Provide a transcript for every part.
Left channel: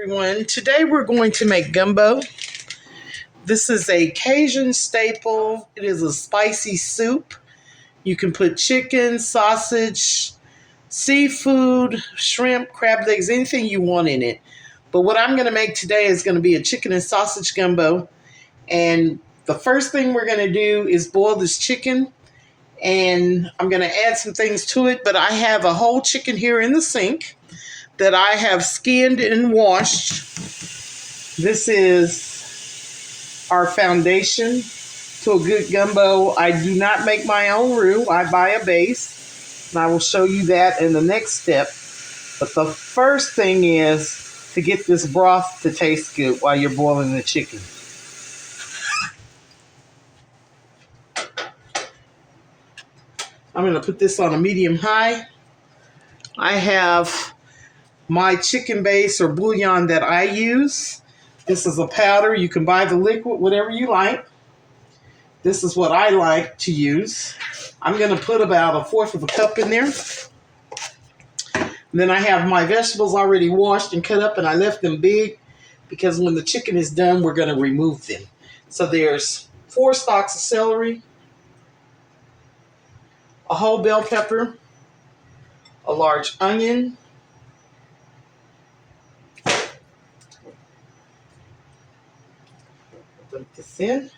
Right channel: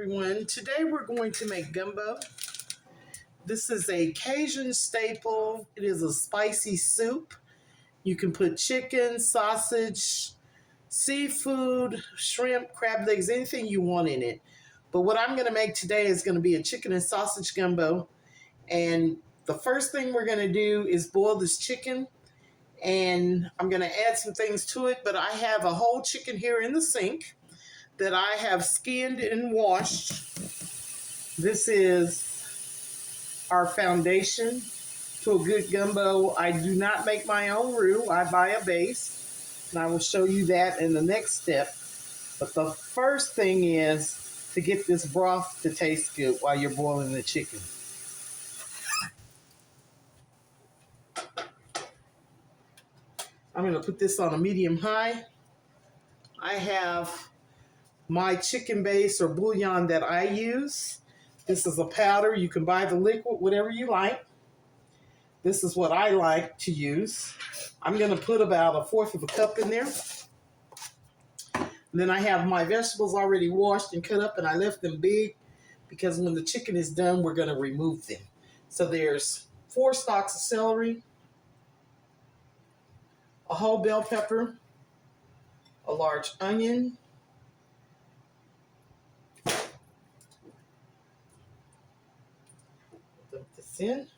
Everyone, today we're going to make gumbo. This is a Cajun staple. It is a spicy soup. You can put chicken, sausage, seafood, shrimp, crab legs, anything you want in it. But what I'm going to make today is going to be a chicken and sausage gumbo. And the first thing we're going to do is boil this chicken. And I'm going to add some things to it. But I have a whole chicken here in the sink that I have skinned and washed. This is our foundation to a good gumbo. I do not make my own roux. I buy a base, and I will show you that in the next step. But the first thing is to get this broth to taste good while you're boiling the chicken. I'm going to put this on a medium-high. I have my chicken base or bouillon that I use. This is a powder. You can buy the liquid, whatever you like. This is what I like to use. I'm going to put about 1/4 of a cup in there. And then I have my vegetables already washed and cut up, and I left them big because when the chicken is done, we're going to remove them. So there's 4 stalks of celery, a whole bell pepper, a large onion, put this in.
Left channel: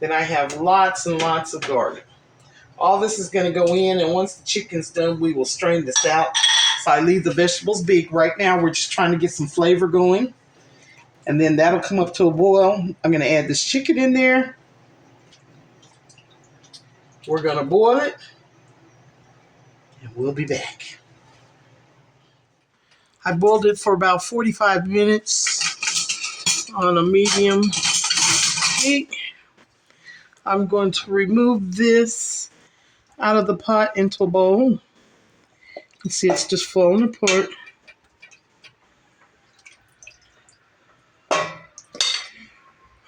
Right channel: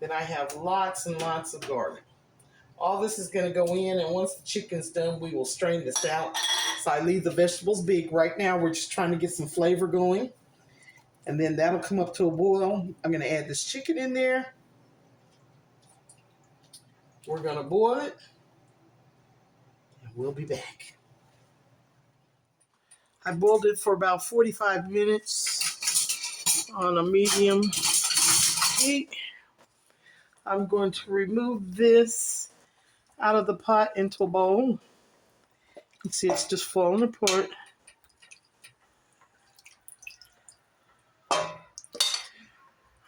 Then I have lots and lots of garlic. All this is going to go in, and once the chicken's done, we will strain this out. So I leave the vegetables big. Right now, we're just trying to get some flavor going. And then that'll come up to a boil. I'm going to add this chicken in there. We're going to boil it, and we'll be back. I boiled it for about 45 minutes on a medium heat. I'm going to remove this out of the pot into a bowl. You see it's just falling apart.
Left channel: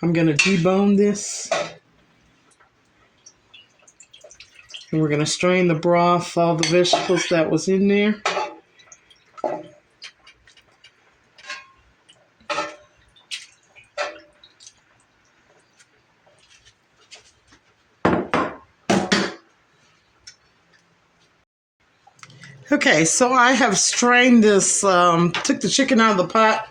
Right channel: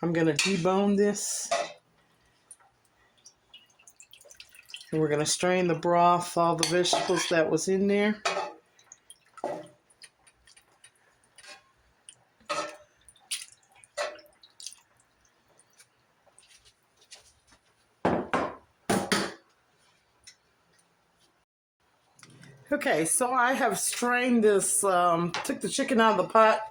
I'm going to debone this. And we're going to strain the broth, all the vegetables that was in there. Okay, so I have strained this, took the chicken out of the pot,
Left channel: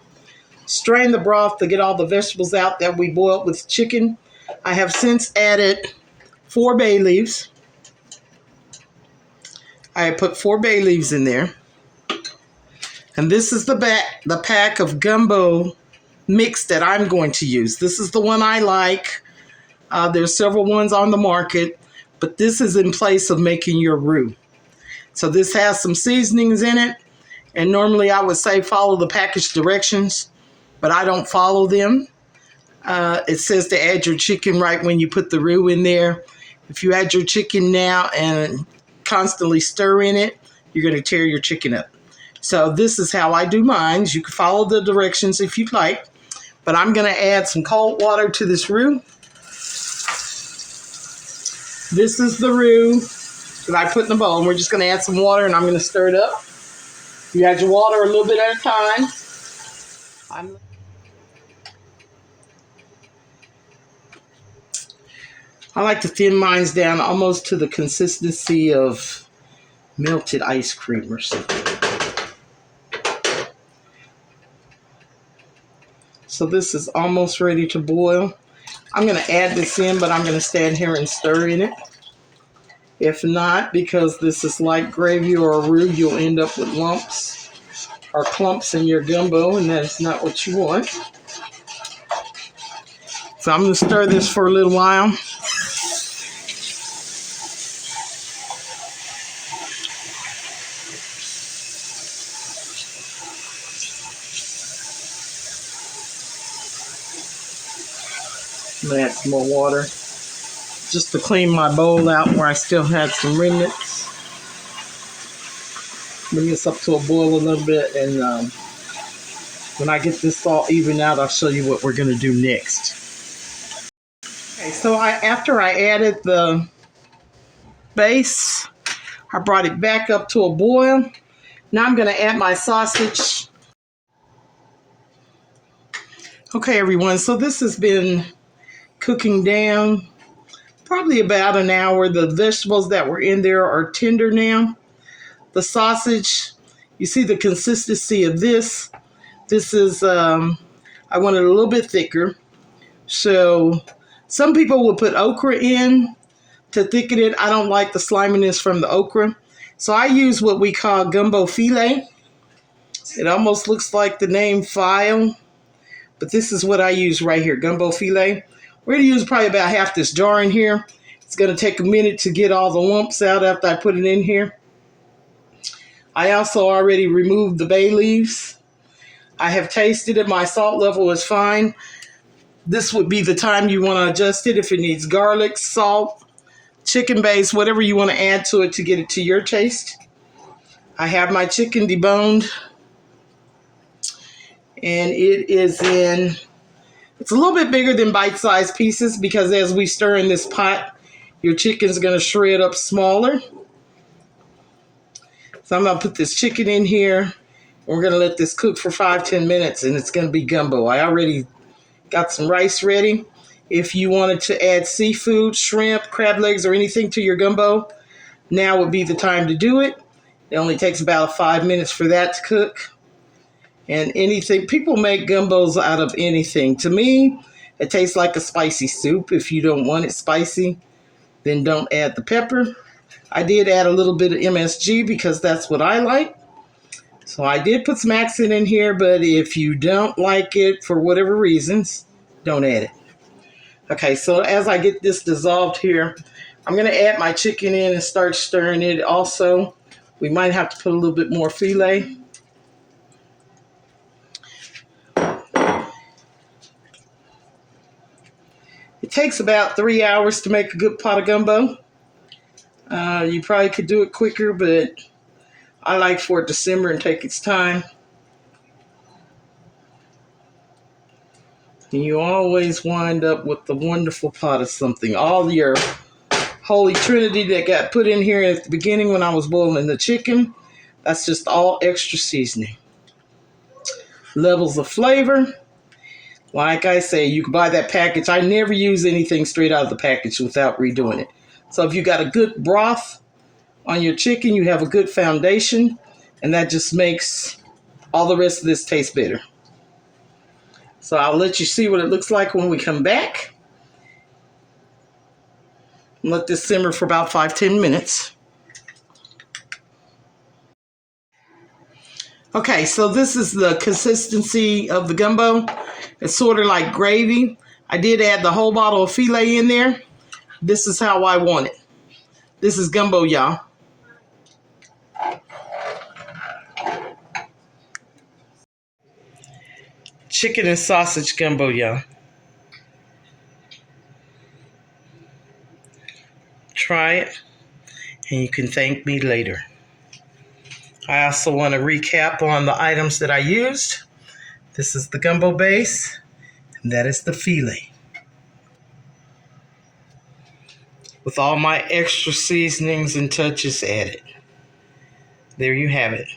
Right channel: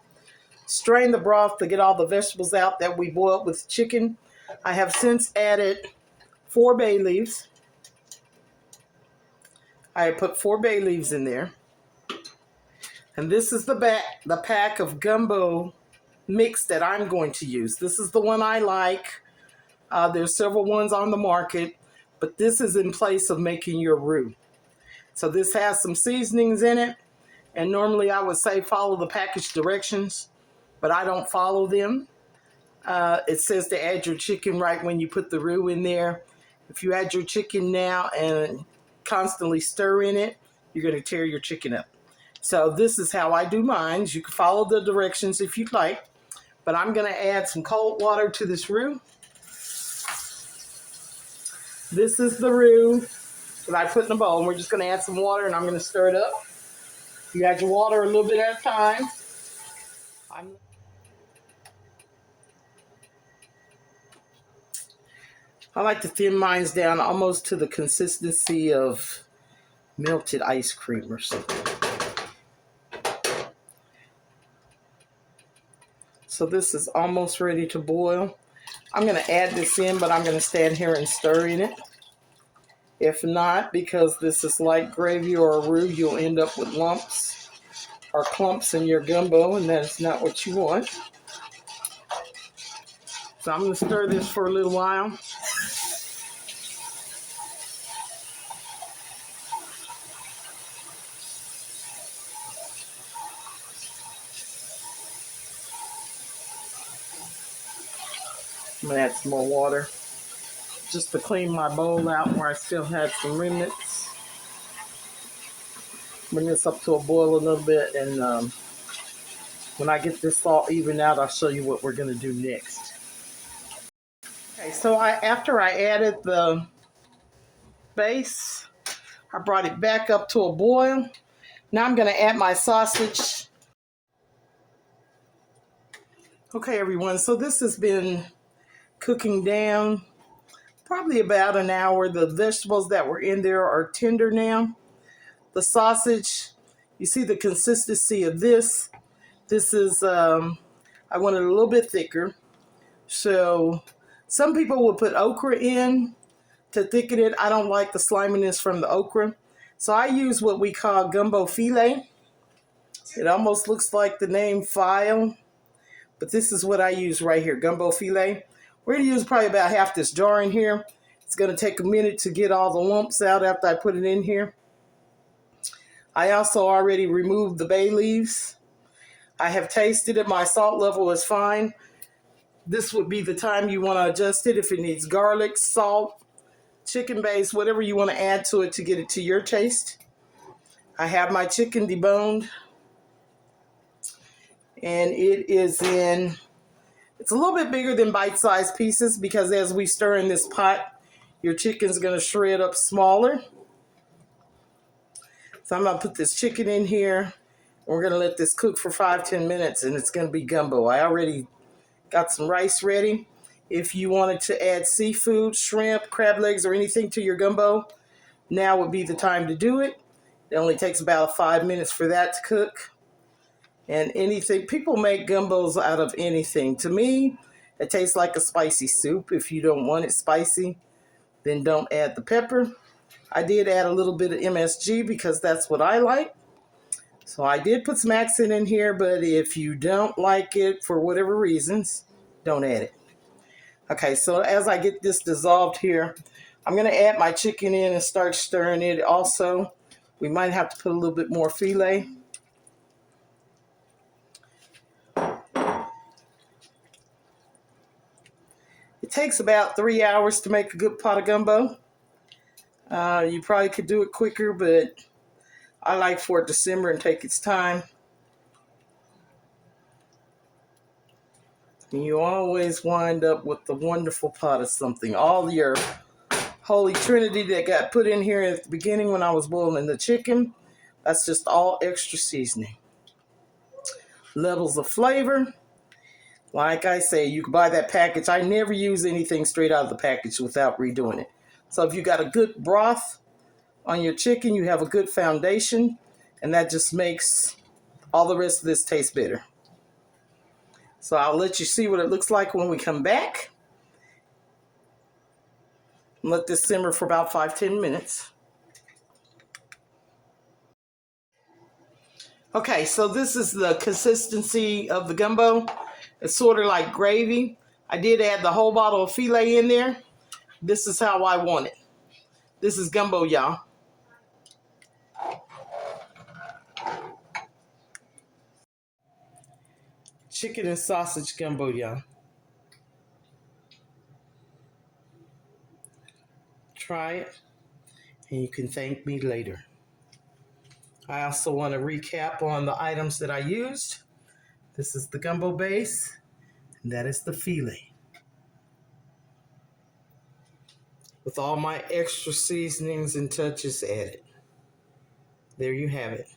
strained the broth to get all the vegetables out that we boiled with chicken. I have since added 4 bay leaves. I have put 4 bay leaves in there. And this is the pack of gumbo mix that I'm going to use. This is the one I like. There's several ones on the market, but this is in place of making your roux. So this has some seasonings in it, and normally I would say follow the package directions, but I don't follow them. It says to add your chicken right when you put the roux in there. If you add your chicken now and constantly stir in it, you're going to tear your chicken up. So this is how I do mine. You can follow the directions if you'd like, but I'm going to add some cold water to this roux. This is the roux that I put in the bowl, and we're just going to add some water, and I'm going to stir it up. You add your water a little bit at a time. I like to thin mine down almost to the consistency of melted ice cream or something. So this is almost ready to boil. I'm going to add this in, but I'm going to stand here and stir in it. If not, because this is like gravy or a roux, you'll end up with lumps or clumps in your gumbo, and that is not what you want. So I'm going to stir this for a little while. I'm going to add some more water just to clean my bowl out where I still had some remnants. Bring this up to a boil a little bit, and when I get this all even out, I'll show you what we're going to do next. Okay, so after I added the base, I brought it back up to a boil. Now I'm going to add my sausage. Okay, everyone, so this has been cooking down probably about an hour. The vegetables that were in there are tender now. The sausage, you see the consistency of this. This is, I want it a little bit thicker. So some people will put okra in to thicken it. I don't like the sliminess from the okra. So I use what we call gumbo filet. It almost looks like the name file, but this is what I use right here, gumbo filet. We're going to use probably about half this jar in here. It's going to take a minute to get all the lumps out after I put it in here. I also already removed the bay leaves. I have tasted it. My salt level is fine. This would be the time you want to adjust it if it needs garlic, salt, chicken base, whatever you want to add to it to get it to your taste. I have my chicken deboned, and it is in, it's a little bit bigger than bite-sized pieces because as we stir in this pot, your chicken's going to shred up smaller. So I'm going to put this chicken in here, and we're going to let this cook for 5-10 minutes, and it's going to be gumbo. I already got some rice ready. If you wanted to add seafood, shrimp, crab legs, or anything to your gumbo, now would be the time to do it. It only takes about 5 minutes for that to cook. And anything, people make gumbos out of anything. To me, it tastes like a spicy soup. If you don't want it spicy, then don't add the pepper. I did add a little bit of MSG because that's what I like. So I did put some accent in here, but if you don't like it for whatever reasons, don't add it. Okay, so as I get this dissolved here, I'm going to add my chicken in and start stirring it. Also, we might have to put a little bit more filet. It takes about 3 hours to make a good pot of gumbo. You probably could do it quicker, but I like for it to simmer and take its time. And you always wind up with the wonderful pot of something. All your holy trinity that got put in here at the beginning when I was boiling the chicken, that's just all extra seasoning. Levels of flavor. Like I say, you can buy that package. I never use anything straight out of the package without redoing it. So if you got a good broth on your chicken, you have a good foundation, and that just makes all the rest of this taste better. So I'll let you see what it looks like when we come back. Let this simmer for about 5-10 minutes. Okay, so this is the consistency of the gumbo. It's sort of like gravy. I did add the whole bottle of filet in there. This is how I want it. This is gumbo, y'all. Chicken and sausage gumbo, y'all. Try it, and you can thank me later. I also want to recap on the items that I used. This is the gumbo base, and that is the filet. With all my extra seasonings and touches added. There you have it.